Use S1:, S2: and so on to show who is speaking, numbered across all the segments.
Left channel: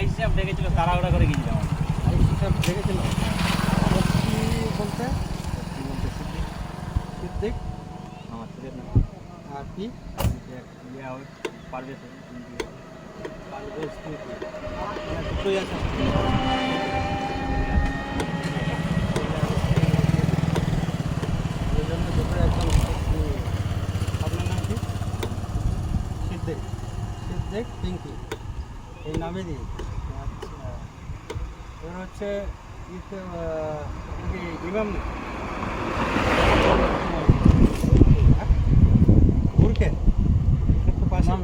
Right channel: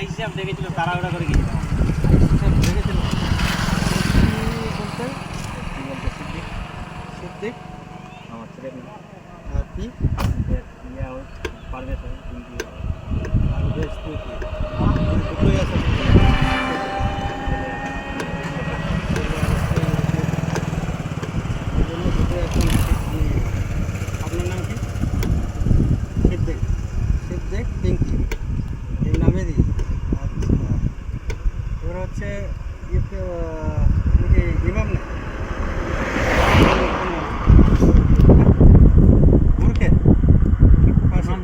S1: ICF দেখেছিল তাড়াহুড়া করে গিয়েছিলাম
S2: কি বলতে?
S1: সিদ্দিক।
S2: সিদ্দিক
S1: আমার ছেলে
S2: আর কি?
S1: ইয়া ওই পারবে সে কিন্তু
S2: আর বেশ তুই দুটোই আছে এই জন্য দুটোই এখন নিয়ে আপনার নাম কি সিদ্দিক সিদ্দিক পিঙ্কি এই নামে দিই আচ্ছা এবার হচ্ছে ইতে ইমাম না।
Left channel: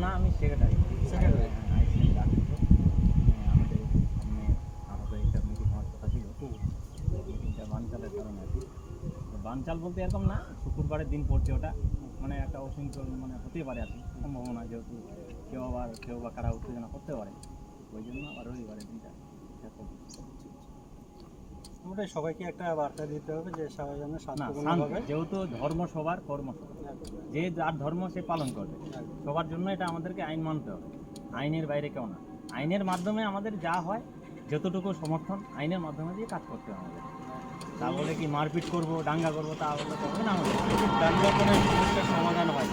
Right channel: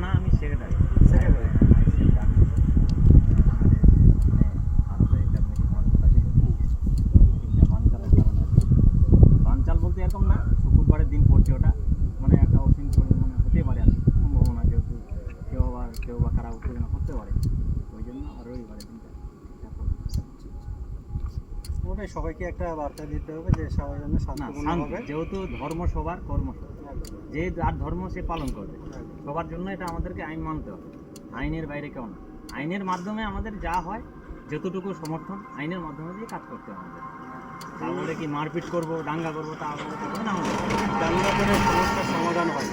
S1: না আমি সেক্রেটারি। বানচাল বলতে এরকম না শুক্রবারের দিন পড়ছে ওটা। মানে একটা অশৃঙ্খল মানে হতে পারে আর সম্ভাবনা যেহেতু কেউ আবার কেউ বা কারা উত্তেজনা করতে পারে। ওই জন্য আর রবিবারের দিনটা।
S2: ওটাই সবাইকে একটা বার্তা দিতে হবে যে সবাই যেন
S1: শান্তি যেহেতু ধর্ম সবার কর্ম যে যার ধর্ম সে পালন করবে। সবার জন্য এটা আমাদেরকে আইন মানতে হবে। আইনের বাইরে কেউ না। আইনের মাধ্যমে আমাদের যা হয় যতটুকু সমর্থন আইনের মাধ্যমে দিয়ে কাজ করতে হবে আমাদের। তা কি মারপিট করব দাঙ্গা করব তা তো না
S2: দাঙ্গা করে সমাধান হয়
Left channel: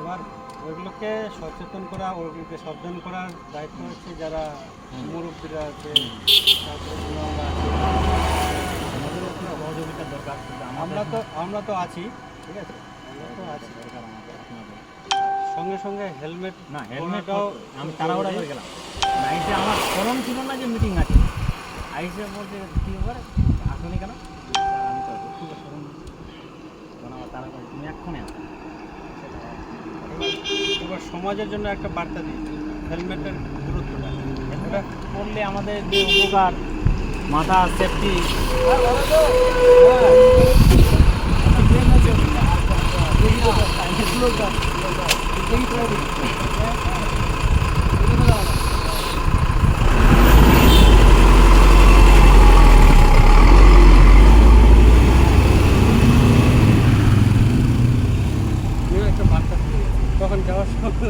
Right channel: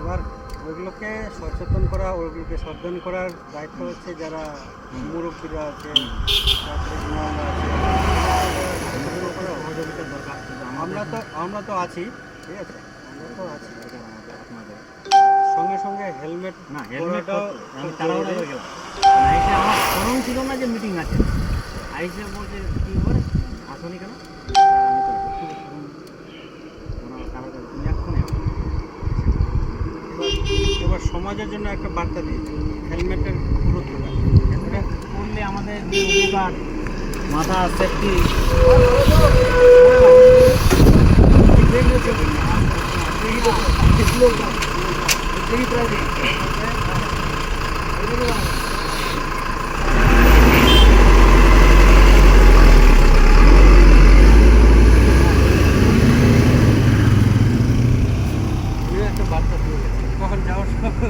S2: এবার ওগুলোকে সচেতন করা ওগুলোকে সাবধান করার দায়িত্ব হচ্ছে যারা। মুরব্বীরা আছে
S1: সহযোগিতা দরকার
S2: আমরা তো আমরা তো আছি ঠিক আছে? আমরা তো আছি। সঙ্গে সঙ্গে হেলমেট
S1: না হেলমেট আমি তাড়াহুড়া গেলাম। আইসে আমার ফোন ছিল না যে মিটিং আছে। আইসে বলছে কি করে আসনি কেন আমি তো একটু ফোন তখন আমার তারা করে তুমি এক্ষুনি আসো
S2: এবার- এবার সমাজের জন্য একটা বার্তা দিই হেলমেটের গুরুত্বটা
S1: হেলমেট পরলে আমাদের যে উপকার মাথা সেফটি
S2: আপনিও একটা বার্তা দিয়ে গেছেন। কখন যাওয়ার সময়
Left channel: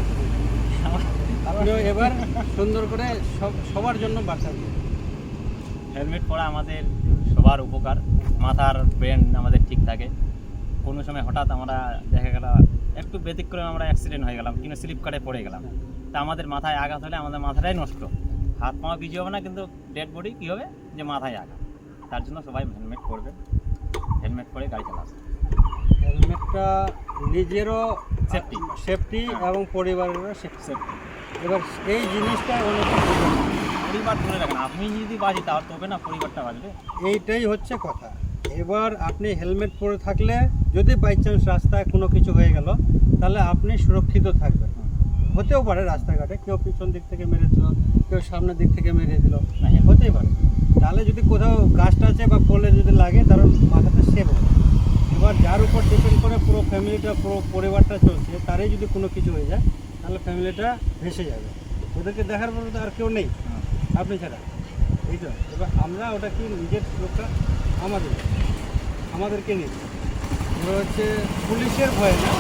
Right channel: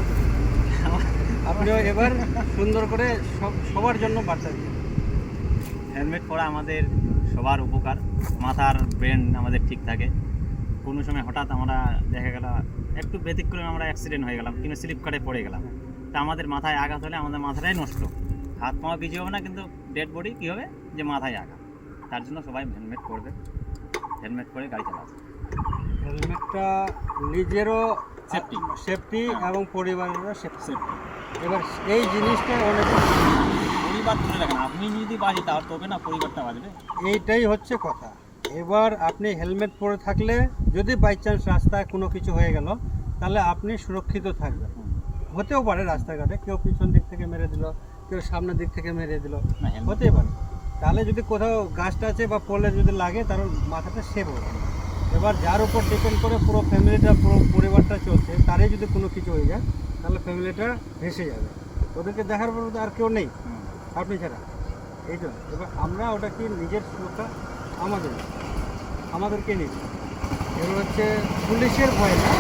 S2: এবার সুন্দর করে সব, সবার জন্য বার্তা দিয়ে
S1: হেলমেট পরা আমাদের সবার উপকার। মাথার ব্রেন আমাদের ঠিক থাকে। কোনো সময় হঠাৎ আমরা দেখা গেল, একটু ব্যতিক্রমে আমরা অ্যাক্সিডেন্ট হয়ে গেলাম কিন্তু স্লিপ কাটে পড়ে গেলাম। তা আমাদের মাথায় আঘাত হলে আমাদের মাথাটাই নষ্ট। হাত পাওয়া কিছু হবে না, কিন্তু ডেড বডি কী হবে? যে মাথায় আঘাত। তার জন্য সবাই হেলমেট পরবে। হেলমেট পরে গাড়ি চালাবে।
S2: হেলমেটটা নিজেরও
S1: Safety.
S2: সেফটি
S1: হ্যাঁ।
S2: এবং পরিবারেরও সেফটি এবার এই জিনিসটা অনেক
S1: পরিবার ধরে রাখেন আপনি যদি বাজি তাহলে তবে না পরিবারটা বাজবে
S2: এইটাই হচ্ছে কথা। এবার আপনি হেলমেট পরে থাকলে যদি বাই চান্স রাস্তায় কোনো কিছু হয়ে গেল তাহলে আপনি সুরক্ষিত থাকবেন। হতেও পারে রাস্তাঘাটে কেউ পিছন দিক থেকে মেরে দিল কেউ সামনের দিক থেকে মেরে দিল।
S1: না
S2: হতেই পারে। তাহলে যদি কোথাও গাছটা আছে বা পোলে যদি লাগে তার মাথাটা সেভ হবে এবার যার উপর ডিপেন্ড করে পুরো ফ্যামিলিটা পুরো পরিবারটা চলছে, তারই যদি কোনো কিছু হয়ে যায়, তাহলে ফ্যামিলিটা ভেসে যাবে। ওদেরকে দেখার পর আর কেউ নেই, আপনি ছাড়া। এই তো, এবার আমরা ওটা কি নিজের সুরক্ষা আমাদের, আমাদেরকে নিই এবার হচ্ছে পুলিশের ভয়
S1: না।